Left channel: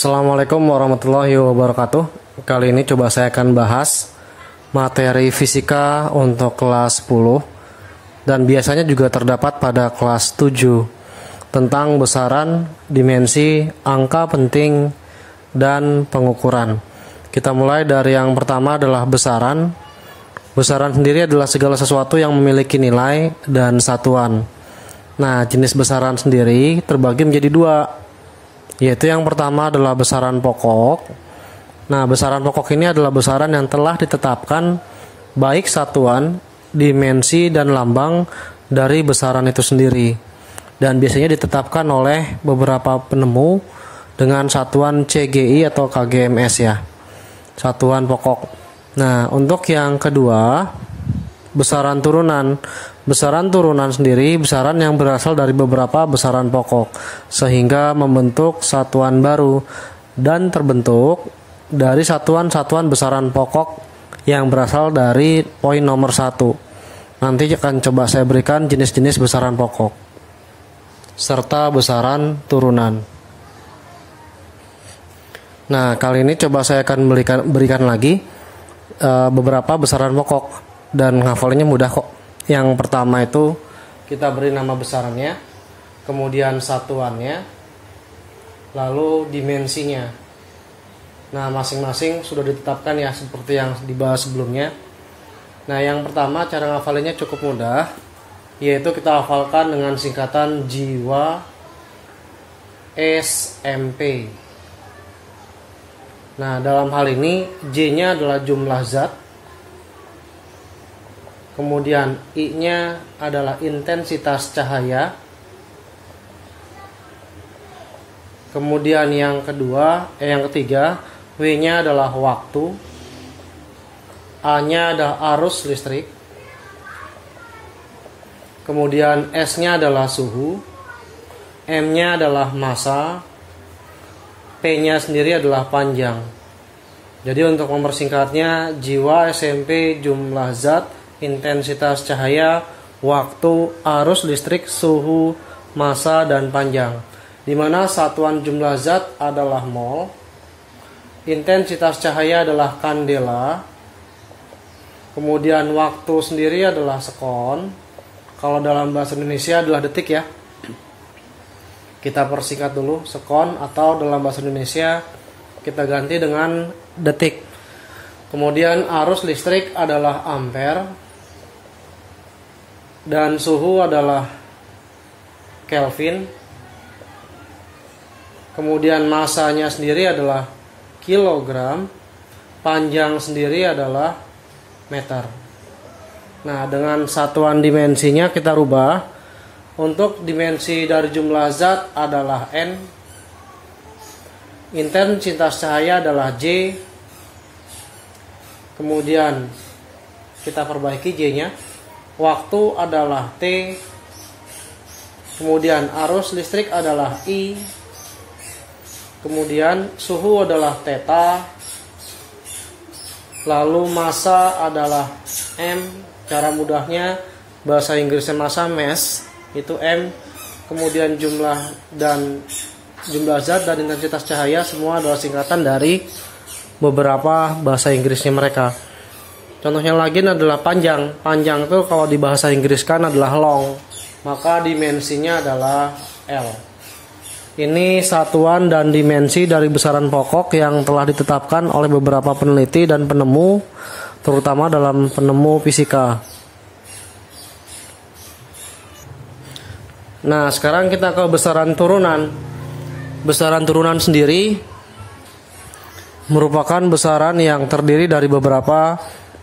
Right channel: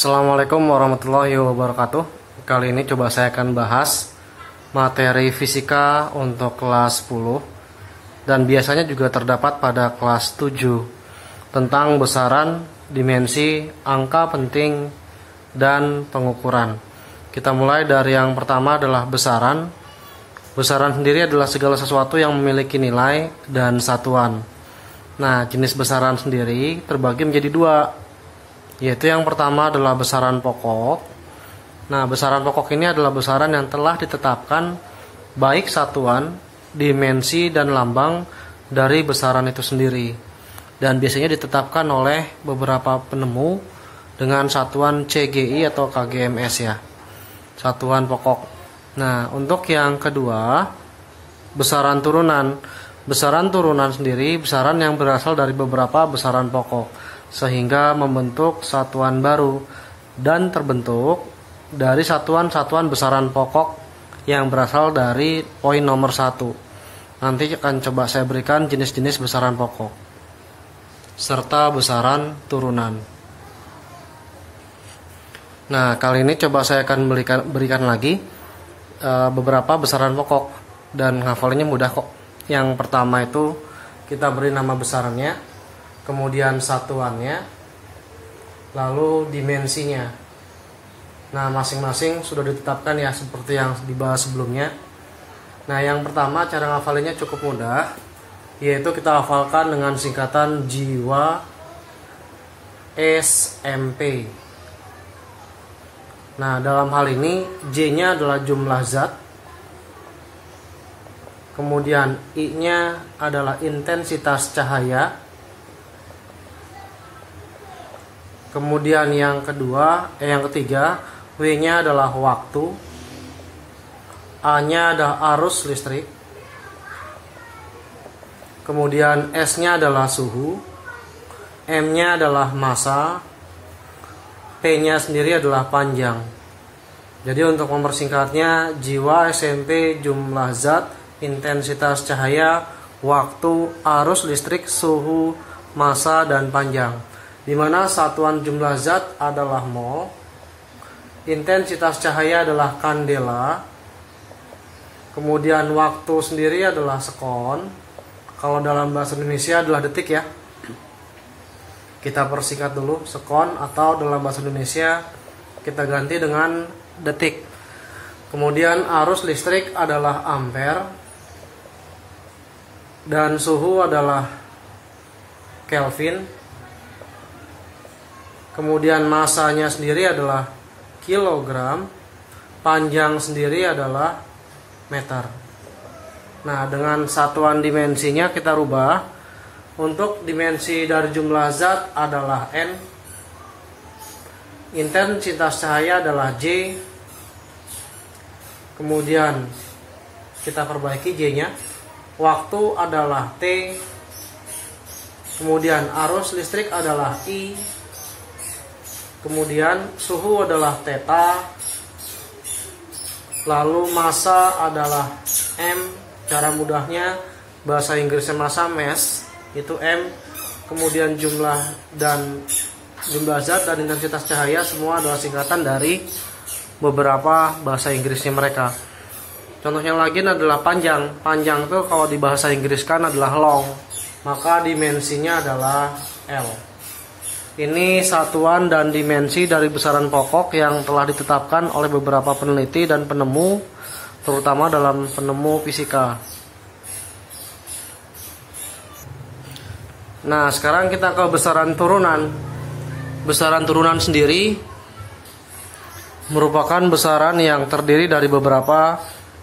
Assalamualaikum warahmatullahi wabarakatuh. Kali ini coba saya akan bahas materi fisika untuk kelas 10 dan biasanya juga terdapat pada kelas 7 tentang besaran, dimensi, angka penting, dan pengukuran. Kita mulai dari yang pertama adalah besaran. Besaran sendiri adalah segala sesuatu yang memiliki nilai dan satuan. Nah, jenis besaran sendiri terbagi menjadi dua, yaitu yang pertama adalah besaran pokok. Nah, besaran pokok ini adalah besaran yang telah ditetapkan baik satuan, dimensi, dan lambang dari besaran itu sendiri, dan biasanya ditetapkan oleh beberapa penemu dengan satuan CGI atau KGMS ya, satuan pokok. Nah, untuk yang kedua, besaran turunan. Besaran turunan sendiri besaran yang berasal dari beberapa besaran pokok sehingga membentuk satuan baru dan terbentuk dari satuan-satuan besaran pokok yang berasal dari poin nomor 1. Nanti akan coba saya berikan jenis-jenis besaran pokok serta besaran turunan. Nah, kali ini coba saya akan berikan lagi beberapa besaran pokok dan hafalannya mudah kok. Yang pertama itu kita beri nama besarannya, kemudian satuannya, lalu dimensinya. Nah, masing-masing sudah ditetapkan ya seperti yang dibahas sebelumnya. Nah, yang pertama cara ngafalinnya cukup mudah, yaitu kita hafalkan dengan singkatan jiwa SMP. Nah, dalam hal ini J-nya adalah jumlah zat, kemudian I-nya adalah intensitas cahaya, kemudian yang ketiga W-nya adalah waktu, A-nya adalah arus listrik, kemudian S-nya adalah suhu, M-nya adalah massa, P-nya sendiri adalah panjang. Jadi untuk mempersingkatnya, jiwa SMP, jumlah zat, intensitas cahaya, waktu, arus listrik, suhu, massa, dan panjang. Di mana satuan jumlah zat adalah mol, intensitas cahaya adalah kandela, kemudian waktu sendiri adalah sekon. Kalau dalam bahasa Indonesia adalah detik ya. Kita persingkat dulu sekon, atau dalam bahasa Indonesia kita ganti dengan detik. Kemudian arus listrik adalah ampere, dan suhu adalah Kelvin. Kemudian massanya sendiri adalah kilogram, panjang sendiri adalah meter. Nah, dengan satuan dimensinya kita rubah. Untuk dimensi dari jumlah zat adalah N, intensitas cahaya adalah J, kemudian kita perbaiki J-nya, waktu adalah T, kemudian arus listrik adalah I, kemudian suhu adalah theta, lalu massa adalah M. Cara mudahnya bahasa Inggrisnya massa, mass, itu M, kemudian jumlah zat dan intensitas cahaya semua adalah singkatan dari beberapa bahasa Inggrisnya mereka. Contohnya lagi adalah panjang. Panjang itu kalau di bahasa Inggris kan adalah long, maka dimensinya adalah L. Ini satuan dan dimensi dari besaran pokok yang telah ditetapkan oleh beberapa peneliti dan penemu, terutama dalam penemu fisika. Nah, sekarang kita ke besaran turunan. Besaran turunan sendiri merupakan besaran yang terdiri dari beberapa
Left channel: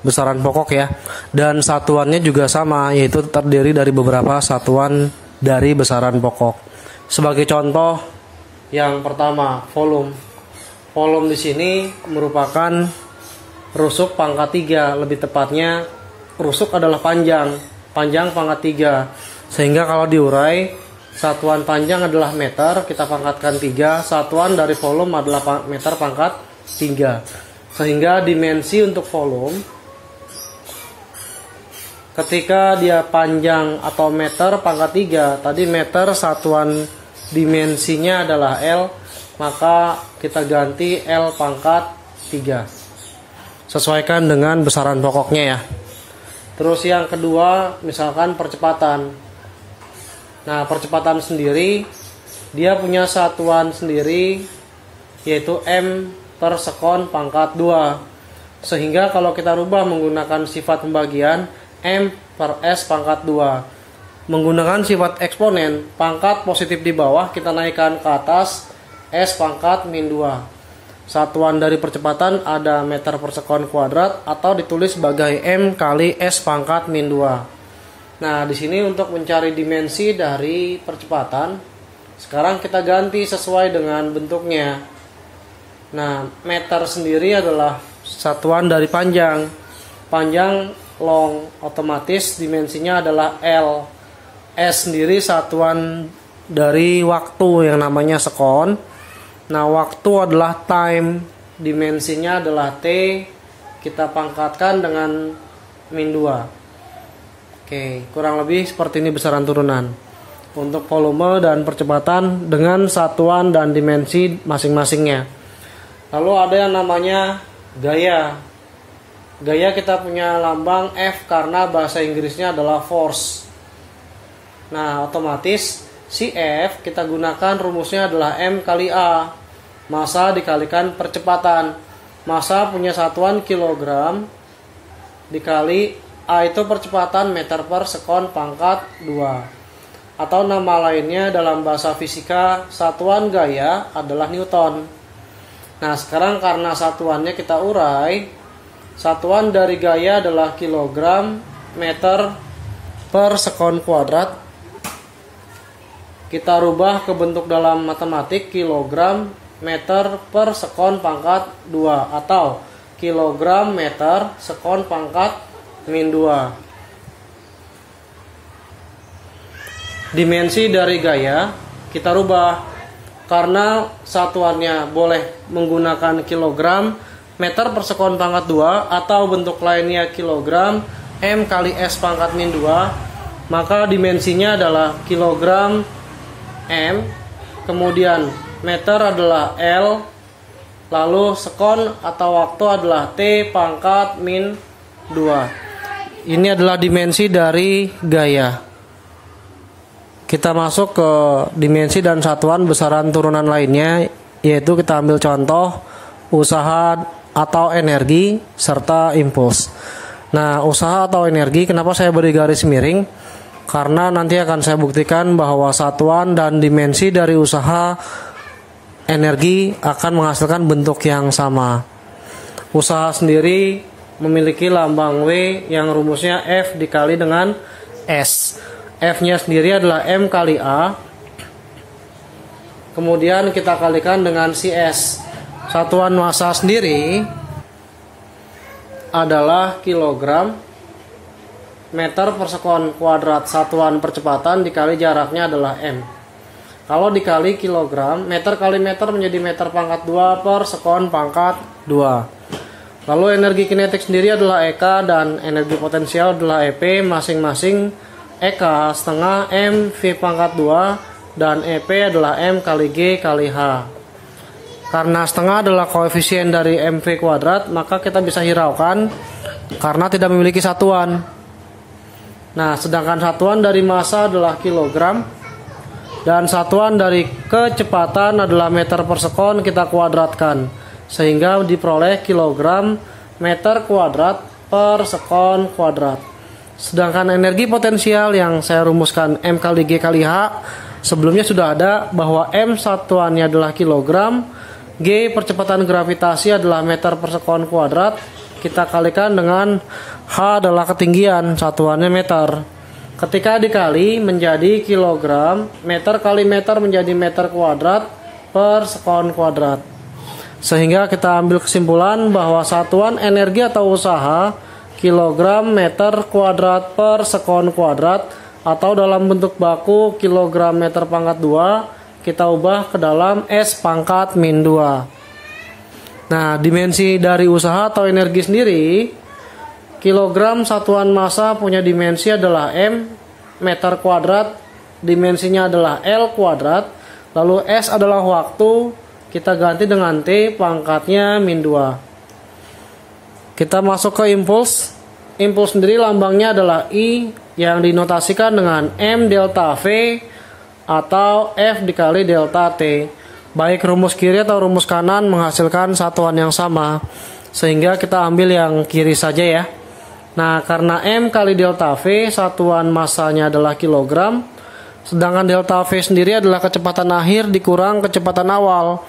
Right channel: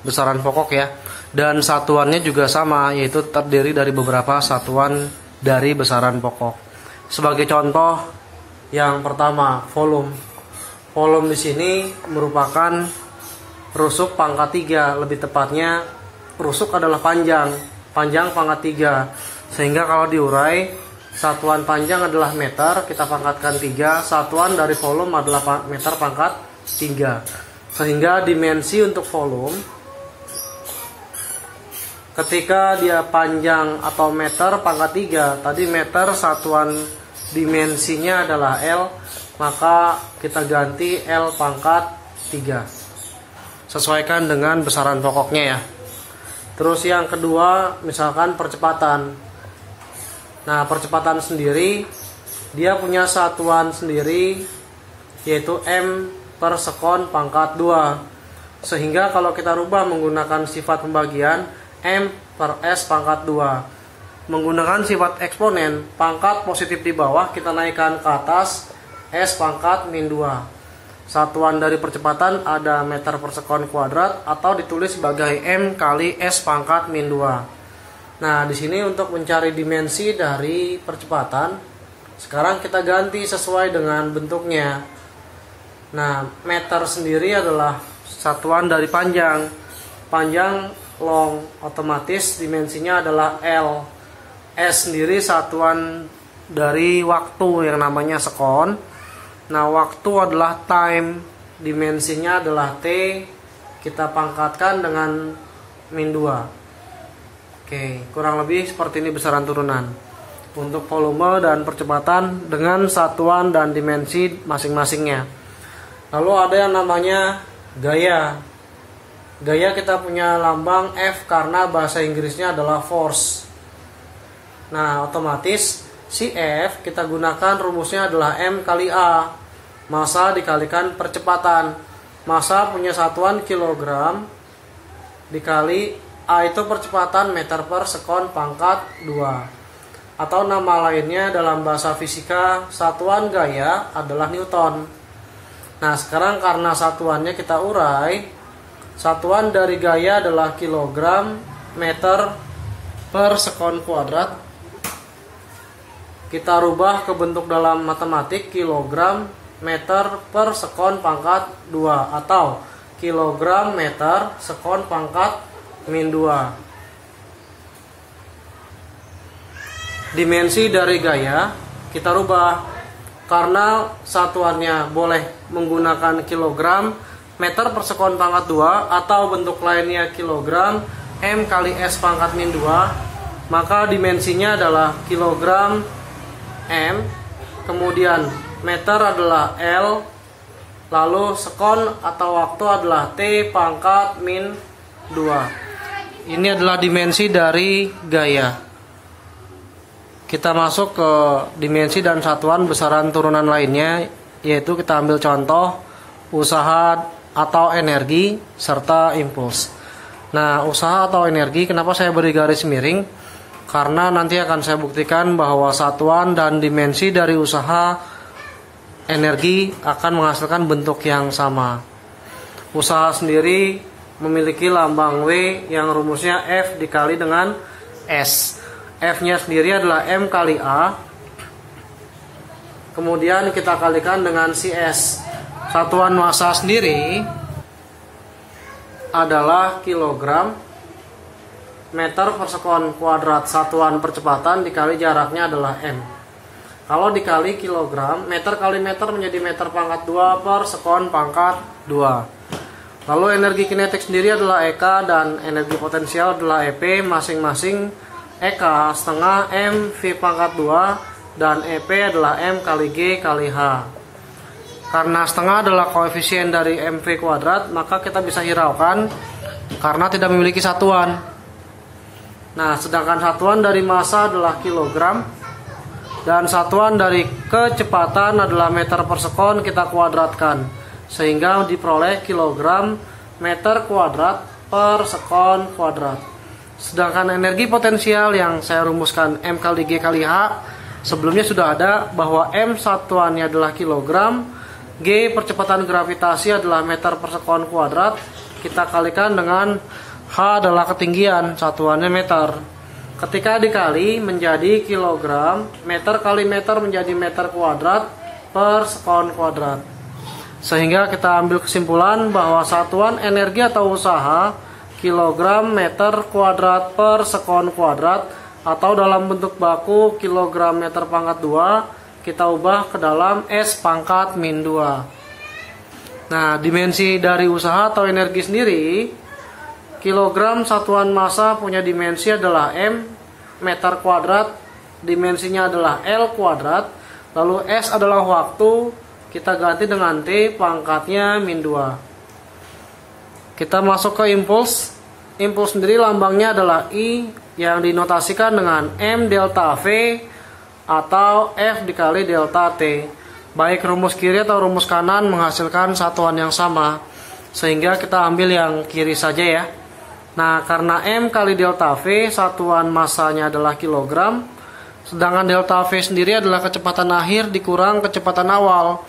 besaran pokok ya, dan satuannya juga sama, yaitu terdiri dari beberapa satuan dari besaran pokok. Sebagai contoh, yang pertama volume. Volume di sini merupakan rusuk pangkat 3, lebih tepatnya rusuk adalah panjang pangkat 3. Sehingga kalau diurai, satuan panjang adalah meter, kita pangkatkan 3, satuan dari volume adalah meter pangkat 3. Sehingga dimensi untuk volume, ketika dia panjang atau meter pangkat 3, tadi meter satuan dimensinya adalah L, maka kita ganti L pangkat 3. Sesuaikan dengan besaran pokoknya ya. Terus yang kedua, misalkan percepatan. Nah, percepatan sendiri dia punya satuan sendiri, yaitu M per sekon pangkat 2. Sehingga kalau kita rubah menggunakan sifat pembagian, M per S pangkat 2. Menggunakan sifat eksponen, pangkat positif di bawah kita naikkan ke atas, S pangkat min 2. Satuan dari percepatan ada meter per sekon kuadrat atau ditulis sebagai M kali S pangkat min 2. Nah, di sini untuk mencari dimensi dari percepatan, sekarang kita ganti sesuai dengan bentuknya. Nah, meter sendiri adalah satuan dari panjang. Panjang long, otomatis dimensinya adalah L. S sendiri satuan dari waktu yang namanya sekon. Nah, waktu adalah time, dimensinya adalah T, kita pangkatkan dengan min 2. Oke, kurang lebih seperti ini besaran turunan untuk volume dan percepatan dengan satuan dan dimensi masing-masingnya. Lalu ada yang namanya gaya. Gaya kita punya lambang F karena bahasa Inggrisnya adalah force. Nah, otomatis si F kita gunakan rumusnya adalah M kali A. Massa dikalikan percepatan. Massa punya satuan kilogram dikali A itu percepatan meter per sekon pangkat 2. Atau nama lainnya dalam bahasa fisika, satuan gaya adalah Newton. Nah, sekarang karena satuannya kita urai, satuan dari gaya adalah kilogram meter per sekon kuadrat. Kita rubah ke bentuk dalam matematik kilogram meter per sekon pangkat 2 atau kilogram meter sekon pangkat min 2. Dimensi dari gaya kita rubah karena satuannya boleh menggunakan kilogram meter per sekon pangkat 2 atau bentuk lainnya kilogram M kali S pangkat min 2, maka dimensinya adalah kilogram M, kemudian meter adalah L, lalu sekon atau waktu adalah T pangkat min 2. Ini adalah dimensi dari gaya. Kita masuk ke dimensi dan satuan besaran turunan lainnya, yaitu kita ambil contoh usaha atau energi serta impuls. Nah, usaha atau energi, kenapa saya beri garis miring? Karena nanti akan saya buktikan bahwa satuan dan dimensi dari usaha energi akan menghasilkan bentuk yang sama. Usaha sendiri memiliki lambang W yang rumusnya F dikali dengan S. F-nya sendiri adalah M kali A. Kemudian kita kalikan dengan si S. Satuan massa sendiri adalah kilogram meter per sekon kuadrat. Satuan percepatan dikali jaraknya adalah M. Kalau dikali kilogram, meter kali meter menjadi meter pangkat 2 per sekon pangkat 2. Lalu energi kinetik sendiri adalah EK dan energi potensial adalah EP, masing-masing EK setengah M V pangkat 2 dan EP adalah M kali G kali H. Karena setengah adalah koefisien dari MV kuadrat, maka kita bisa hiraukan karena tidak memiliki satuan. Nah, sedangkan satuan dari massa adalah kilogram dan satuan dari kecepatan adalah meter per sekon, kita kuadratkan sehingga diperoleh kilogram meter kuadrat per sekon kuadrat. Sedangkan energi potensial yang saya rumuskan M kali G kali H, sebelumnya sudah ada bahwa M satuannya adalah kilogram, G percepatan gravitasi adalah meter per sekon kuadrat, kita kalikan dengan H adalah ketinggian, satuannya meter. Ketika dikali menjadi kilogram, meter kali meter menjadi meter kuadrat per sekon kuadrat. Sehingga kita ambil kesimpulan bahwa satuan energi atau usaha kilogram meter kuadrat per sekon kuadrat, atau dalam bentuk baku kilogram meter pangkat 2 kita ubah ke dalam S pangkat min 2. Nah, dimensi dari usaha atau energi sendiri, kilogram satuan massa punya dimensi adalah M meter kuadrat, dimensinya adalah L kuadrat, Lalu S adalah waktu, kita ganti dengan T pangkatnya min 2. Kita masuk ke impuls. Impuls sendiri lambangnya adalah I yang dinotasikan dengan M delta V atau F dikali delta T. Baik rumus kiri atau rumus kanan menghasilkan satuan yang sama, sehingga kita ambil yang kiri saja ya. Nah, karena M kali delta V satuan massanya adalah kilogram, sedangkan delta V sendiri adalah kecepatan akhir dikurang kecepatan awal.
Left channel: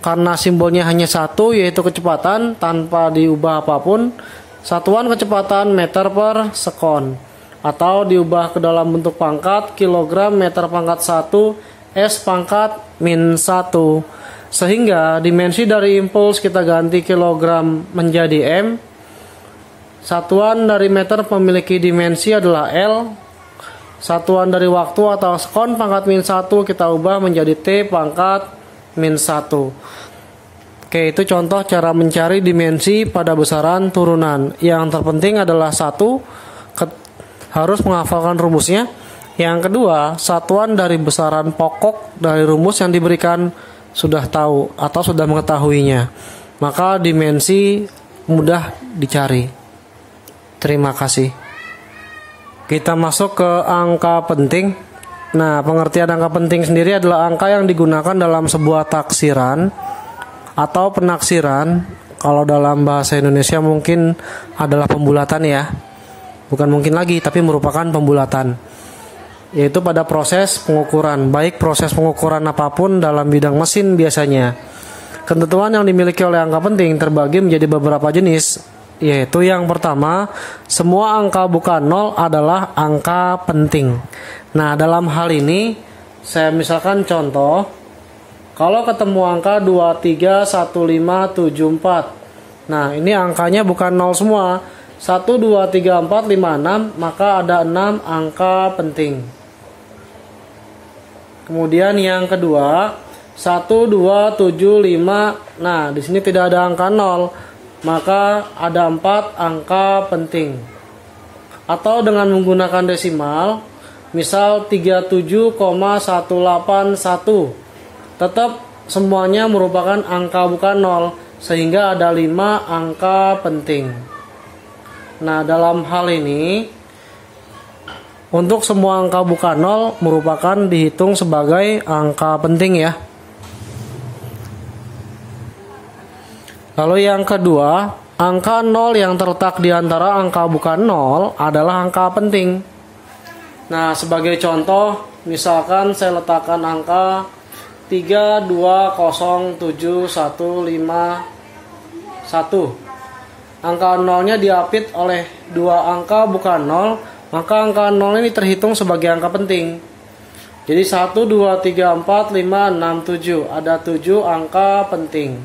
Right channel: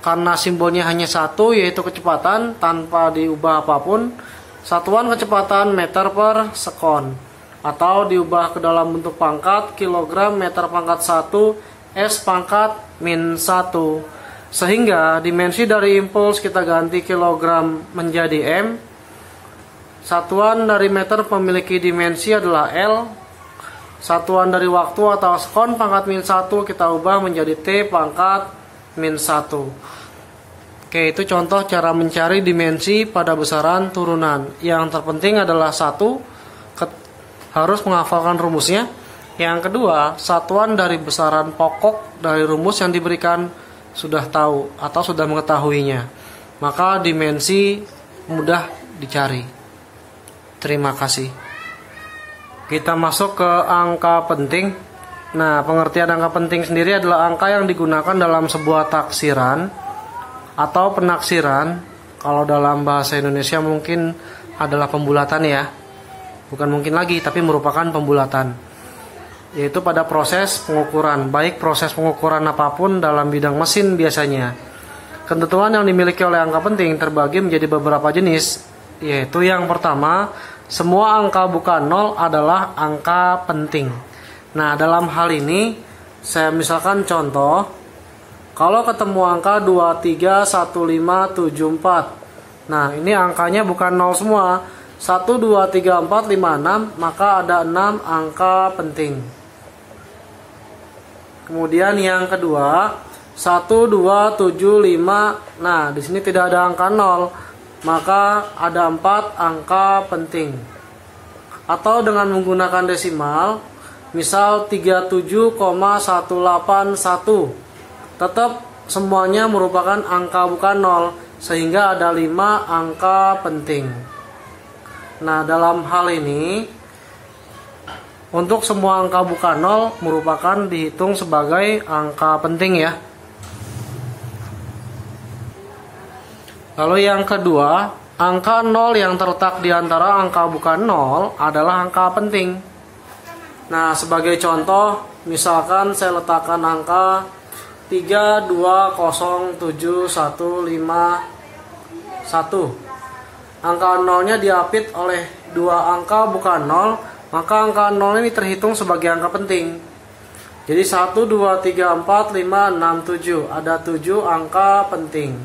Karena simbolnya hanya satu, yaitu kecepatan tanpa diubah apapun, satuan kecepatan meter per sekon, atau diubah ke dalam bentuk pangkat kilogram meter pangkat 1 S pangkat min 1. Sehingga dimensi dari impuls kita ganti kilogram menjadi M. Satuan dari meter memiliki dimensi adalah L. Satuan dari waktu atau sekon pangkat min 1 kita ubah menjadi T pangkat min 1. Oke, itu contoh cara mencari dimensi pada besaran turunan. Yang terpenting adalah satu, harus menghafalkan rumusnya. Yang kedua, satuan dari besaran pokok dari rumus yang diberikan sudah tahu atau sudah mengetahuinya. Maka dimensi mudah dicari. Terima kasih. Kita masuk ke angka penting. Nah, pengertian angka penting sendiri adalah angka yang digunakan dalam sebuah taksiran atau penaksiran. Kalau dalam bahasa Indonesia mungkin adalah pembulatan ya. Bukan mungkin lagi, tapi merupakan pembulatan. Yaitu pada proses pengukuran, baik proses pengukuran apapun dalam bidang mesin biasanya. Ketentuan yang dimiliki oleh angka penting terbagi menjadi beberapa jenis. Yaitu yang pertama, semua angka bukan nol adalah angka penting. Nah, dalam hal ini saya misalkan contoh, kalau ketemu angka 231574. Nah, ini angkanya bukan 0 semua. 1, 2, 3, 4, 5, 6, maka ada 6 angka penting. Kemudian yang kedua, 1, 2, 7, 5. Nah, di sini tidak ada angka 0, maka ada 4 angka penting. Atau dengan menggunakan desimal, misal 37,181. Tetap semuanya merupakan angka bukan 0, sehingga ada 5 angka penting. Nah, dalam hal ini untuk semua angka bukan 0 merupakan dihitung sebagai angka penting ya. Lalu yang kedua, angka 0 yang terletak di antara angka bukan 0 adalah angka penting. Nah, sebagai contoh, misalkan saya letakkan angka 3207151. Angka 0-nya diapit oleh dua angka bukan 0, maka angka 0 ini terhitung sebagai angka penting. Jadi 1, 2, 3, 4, 5, 6, 7. Ada 7 angka penting.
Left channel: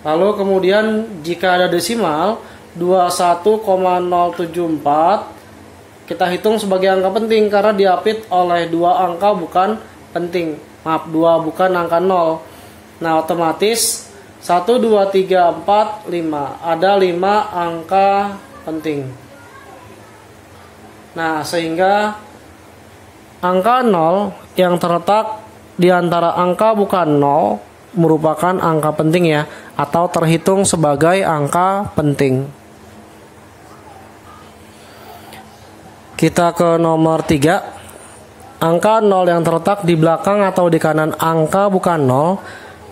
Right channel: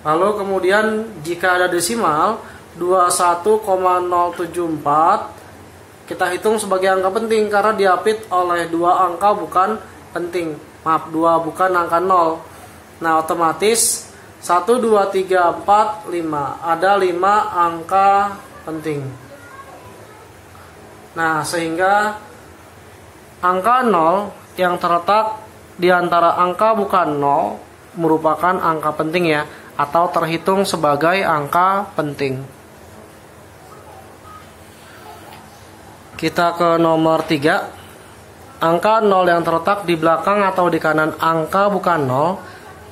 Lalu kemudian jika ada desimal 21,074, kita hitung sebagai angka penting karena diapit oleh dua angka bukan penting. Maaf, 2 bukan angka 0. Nah, otomatis 1, 2, 3, 4, 5. Ada 5 angka penting. Nah, sehingga angka 0 yang terletak di antara angka bukan 0 merupakan angka penting ya, atau terhitung sebagai angka penting. Kita ke nomor 3. Angka 0 yang terletak di belakang atau di kanan angka bukan 0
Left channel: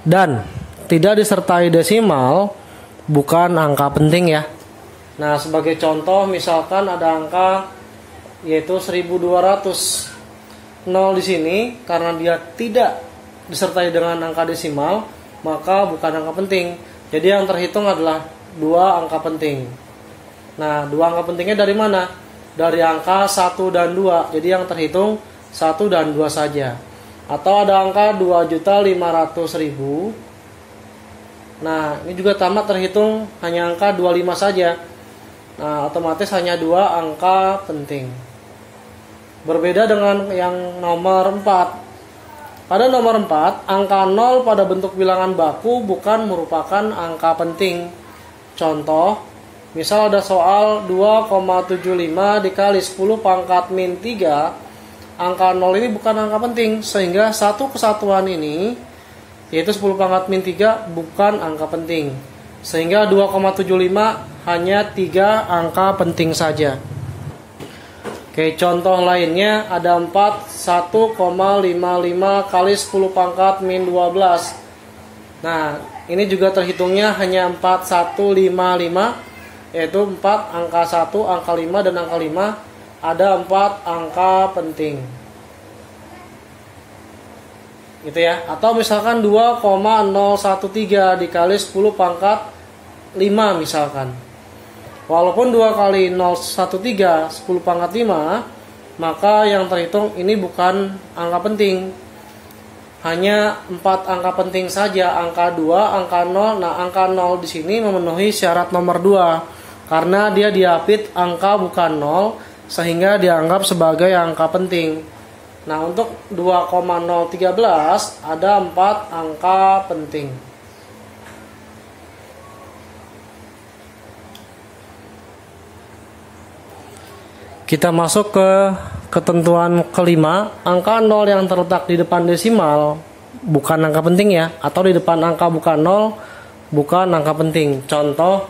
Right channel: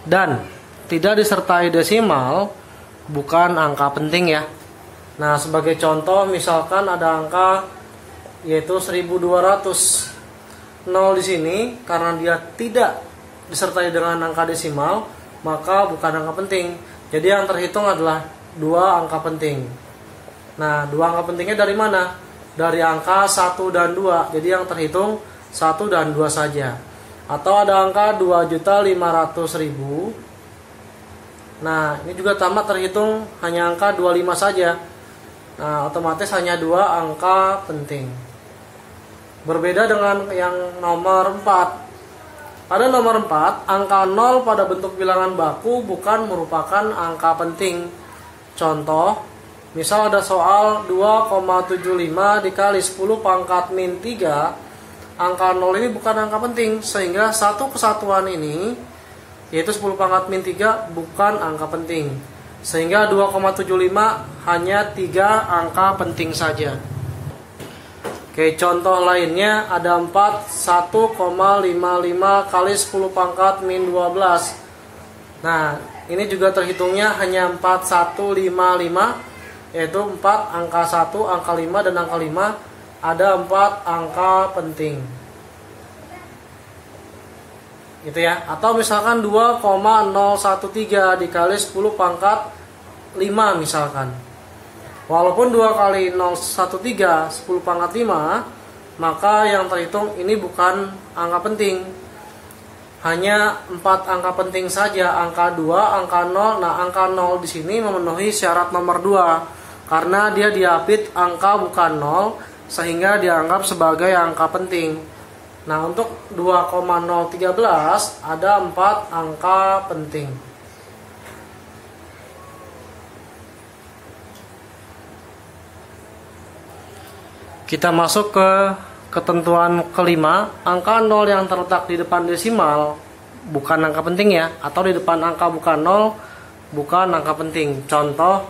dan tidak disertai desimal bukan angka penting ya. Nah, sebagai contoh misalkan ada angka yaitu 1200. 0 di sini karena dia tidak disertai dengan angka desimal, maka bukan angka penting. Jadi yang terhitung adalah dua angka penting. Nah, dua angka pentingnya dari mana? Dari angka 1 dan 2. Jadi yang terhitung 1 dan 2 saja. Atau ada angka 2.500.000. Nah, ini juga tamat terhitung hanya angka 25 saja. Nah, otomatis hanya dua angka penting. Berbeda dengan yang nomor 4. Pada nomor 4, angka 0 pada bentuk bilangan baku bukan merupakan angka penting. Contoh, misal ada soal 2,75 dikali 10 pangkat min 3 angka 0 ini bukan angka penting, sehingga satu kesatuan ini yaitu 10 pangkat min 3 bukan angka penting, sehingga 2,75 hanya 3 angka penting saja. Oke, contoh lainnya ada 4 1,55 kali 10 pangkat min 12. Nah, ini juga terhitungnya hanya 4155, yaitu 4 angka 1, angka 5, dan angka 5. Ada 4 angka penting, gitu ya. Atau misalkan 2,013 dikali 10 pangkat 5 misalkan. Walaupun 2 kali 013 10 pangkat 5, maka yang terhitung ini bukan angka penting, hanya 4 angka penting saja, angka 2, angka 0. Nah, angka 0 di sini memenuhi syarat nomor 2 karena dia diapit angka bukan 0, sehingga dianggap sebagai angka penting. Nah, untuk 2,013 ada 4 angka penting. Kita masuk ke ketentuan kelima. Angka 0 yang terletak di depan desimal bukan angka penting ya, atau di depan angka bukan 0 bukan angka penting. Contoh,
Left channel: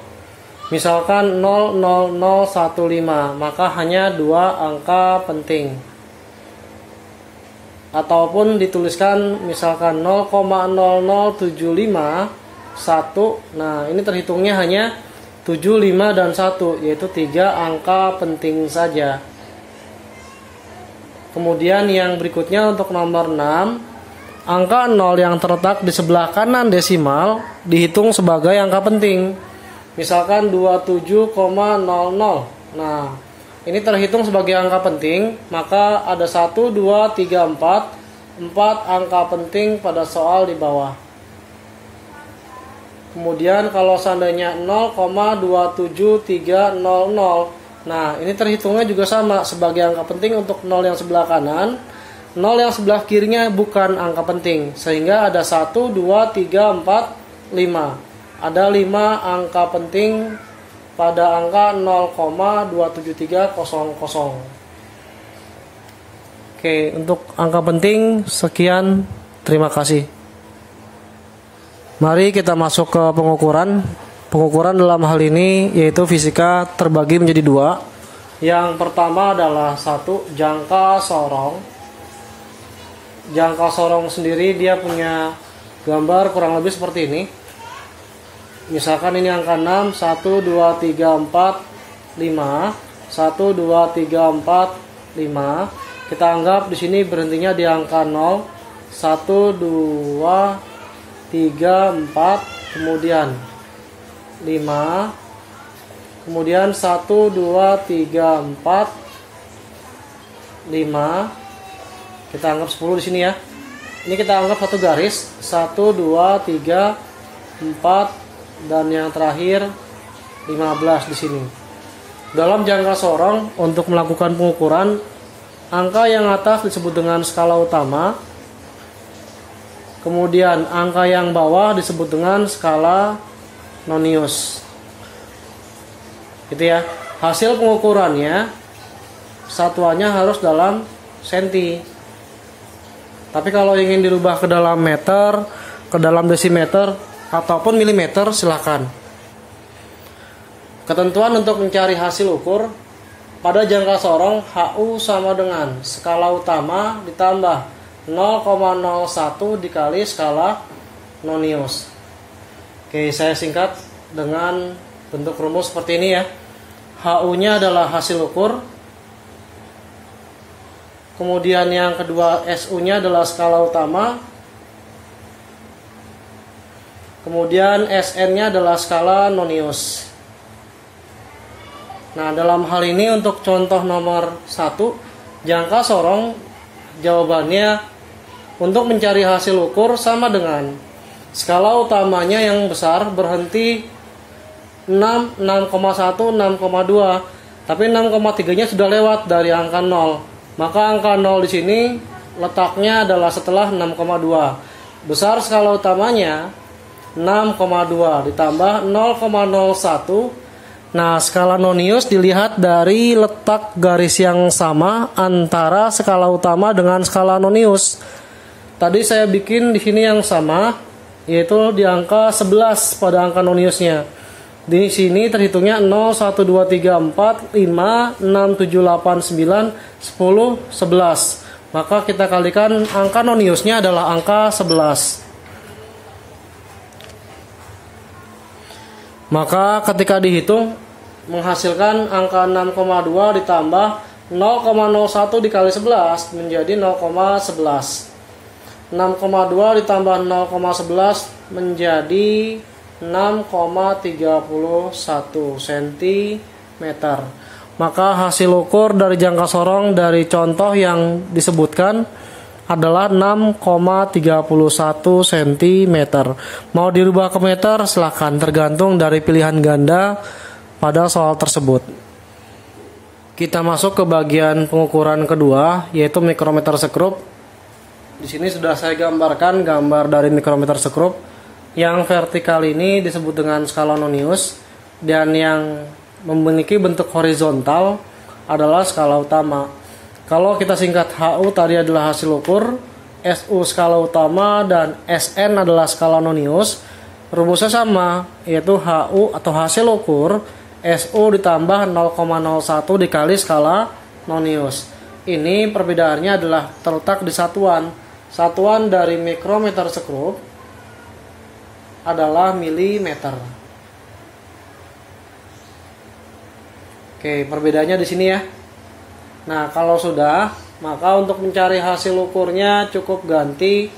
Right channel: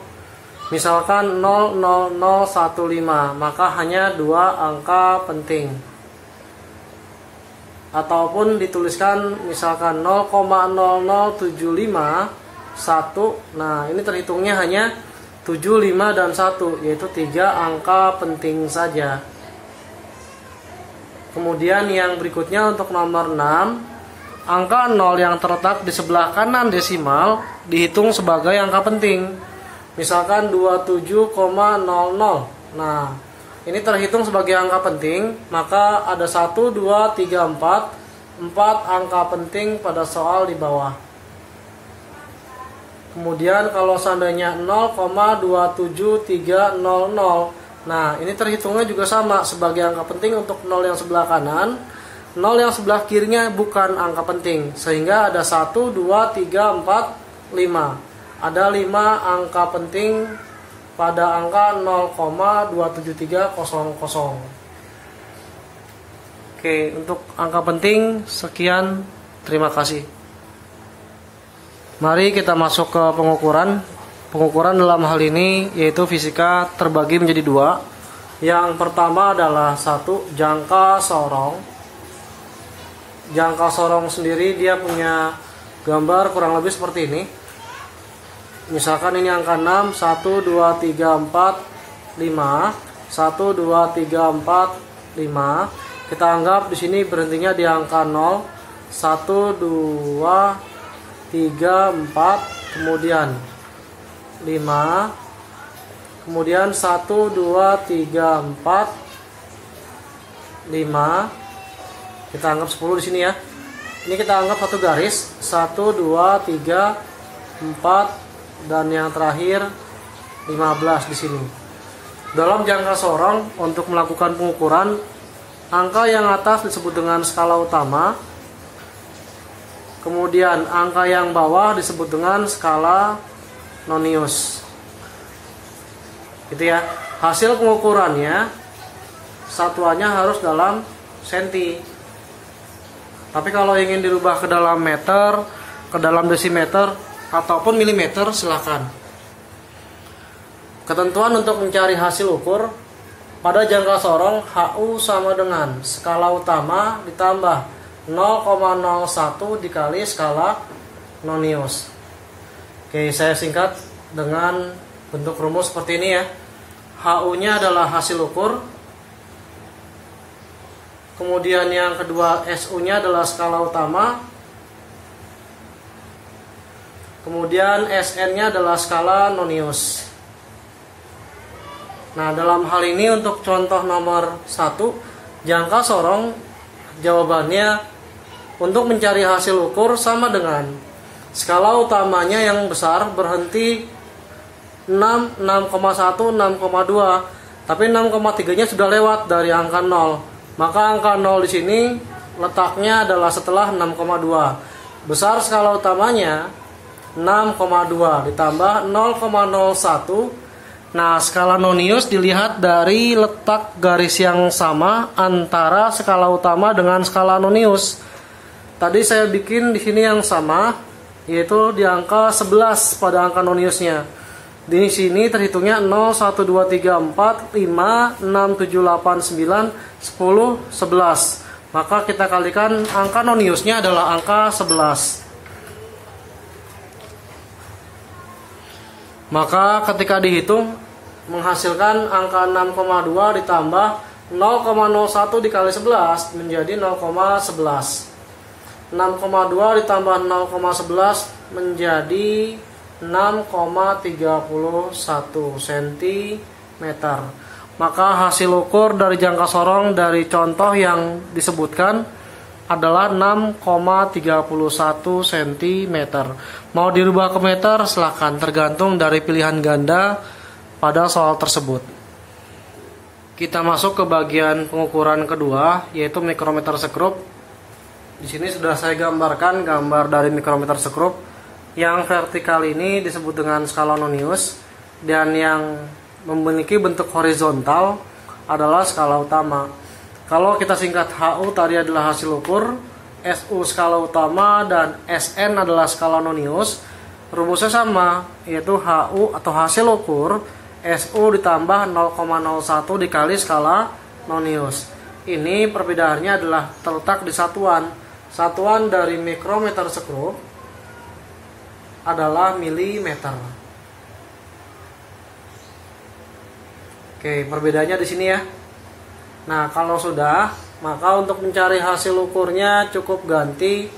misalkan 00015, maka hanya 2 angka penting. Ataupun dituliskan misalkan 0,0075 1. Nah, ini terhitungnya hanya 7, 5, dan 1, yaitu 3 angka penting saja. Kemudian yang berikutnya untuk nomor 6, angka 0 yang terletak di sebelah kanan desimal dihitung sebagai angka penting. Misalkan 27,00. Nah, ini terhitung sebagai angka penting, maka ada 1, 2, 3, 4 angka penting pada soal di bawah. Kemudian kalau seandainya 0,27300, nah ini terhitungnya juga sama sebagai angka penting untuk 0 yang sebelah kanan. 0 yang sebelah kirinya bukan angka penting, sehingga ada 1, 2, 3, 4, 5. Ada 5 angka penting pada angka 0,27300. Oke, untuk angka penting sekian, terima kasih. Mari kita masuk ke pengukuran. Pengukuran dalam hal ini yaitu fisika terbagi menjadi 2. Yang pertama adalah 1, jangka sorong. Jangka sorong sendiri dia punya gambar kurang lebih seperti ini. Misalkan ini angka 6, 1, 2, 3, 4, 5. 1, 2, 3, 4, 5. Kita anggap di sini berhentinya di angka 0. 1, 2, 3, 4, kemudian 5, kemudian 1, 2, 3, 4, 5. Kita anggap 10 di sini ya. Ini kita anggap satu garis, 1, 2, 3, 4, dan yang terakhir 15 di sini. Dalam jangka sorong, untuk melakukan pengukuran, angka yang atas disebut dengan skala utama. Kemudian angka yang bawah disebut dengan skala nonius. Gitu ya. Hasil pengukurannya satuannya harus dalam senti. Tapi kalau ingin dirubah ke dalam meter, ke dalam desimeter, ataupun milimeter, silakan. Ketentuan untuk mencari hasil ukur pada jangka sorong, HU sama dengan skala utama ditambah 0,01 dikali skala nonius. Oke, saya singkat dengan bentuk rumus seperti ini ya. HU-nya adalah hasil ukur. Kemudian yang kedua, SU-nya adalah skala utama. Kemudian SN-nya adalah skala nonius. Nah, dalam hal ini untuk contoh nomor 1, jangka sorong, jawabannya untuk mencari hasil ukur sama dengan skala utamanya yang besar berhenti 6, 6,1, 6,2. Tapi 6,3-nya sudah lewat dari angka 0. Maka angka 0 di sini letaknya adalah setelah 6,2. Besar skala utamanya 6,2 ditambah 0,01 Nah, skala nonius dilihat dari letak garis yang sama antara skala utama dengan skala nonius. Tadi saya bikin di sini yang sama, yaitu di angka 11 pada angka noniusnya. Di sini terhitungnya 0, 1, 2, 3, 4, 5, 6, 7, 8, 9, 10, 11. Maka kita kalikan angka noniusnya adalah angka 11. Maka ketika dihitung menghasilkan angka 6,2 ditambah 0,01 dikali 11 menjadi 0,11. 6,2 ditambah 0,11 menjadi 6,31 cm. Maka hasil ukur dari jangka sorong dari contoh yang disebutkan adalah 6,31 cm. Mau dirubah ke meter silahkan, tergantung dari pilihan ganda pada soal tersebut. Kita masuk ke bagian pengukuran kedua, yaitu mikrometer sekrup. Di sini sudah saya gambarkan gambar dari mikrometer sekrup. Yang vertikal ini disebut dengan skala nonius, dan yang memiliki bentuk horizontal adalah skala utama. Kalau kita singkat HU tadi adalah hasil ukur, SU skala utama, dan SN adalah skala nonius. Rumusnya sama, yaitu HU atau hasil ukur SU ditambah 0,01 dikali skala nonius. Ini perbedaannya adalah terletak di satuan. Satuan dari mikrometer sekrup adalah milimeter. Oke, perbedaannya di sini ya. Nah, kalau sudah, maka untuk mencari hasil ukurnya cukup ganti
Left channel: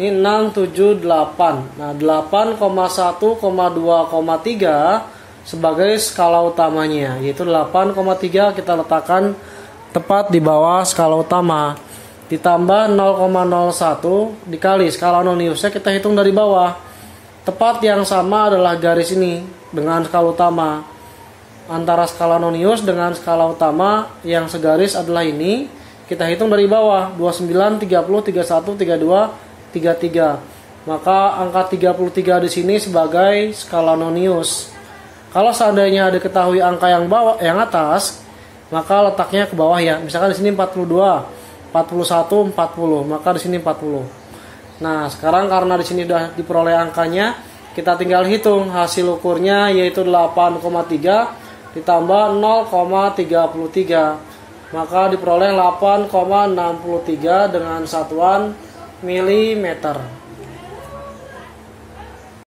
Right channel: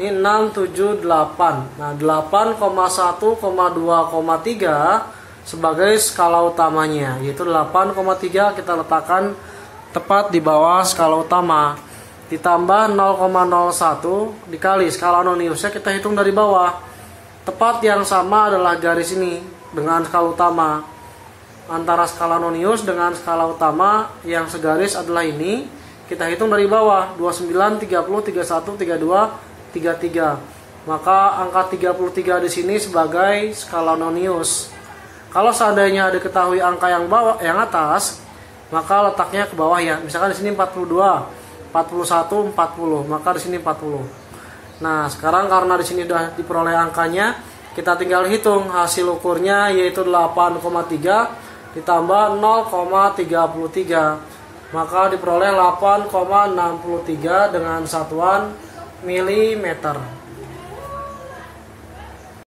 ini 678. Nah, 8,1,2,3 sebagai skala utamanya, yaitu 8,3 kita letakkan tepat di bawah skala utama. Ditambah 0,01 dikali skala noniusnya kita hitung dari bawah. Tepat yang sama adalah garis ini dengan skala utama. Antara skala nonius dengan skala utama yang segaris adalah ini. Kita hitung dari bawah 29, 30, 31, 32, 33. Maka angka 33 di sini sebagai skala nonius. Kalau seandainya diketahui angka yang atas, maka letaknya ke bawah ya. Misalkan di sini 42, 41, 40, maka di sini 40. Nah, sekarang karena di sini sudah diperoleh angkanya, kita tinggal hitung hasil ukurnya, yaitu 8,3 ditambah 0,33, maka diperoleh 8,63 dengan satuan milimeter.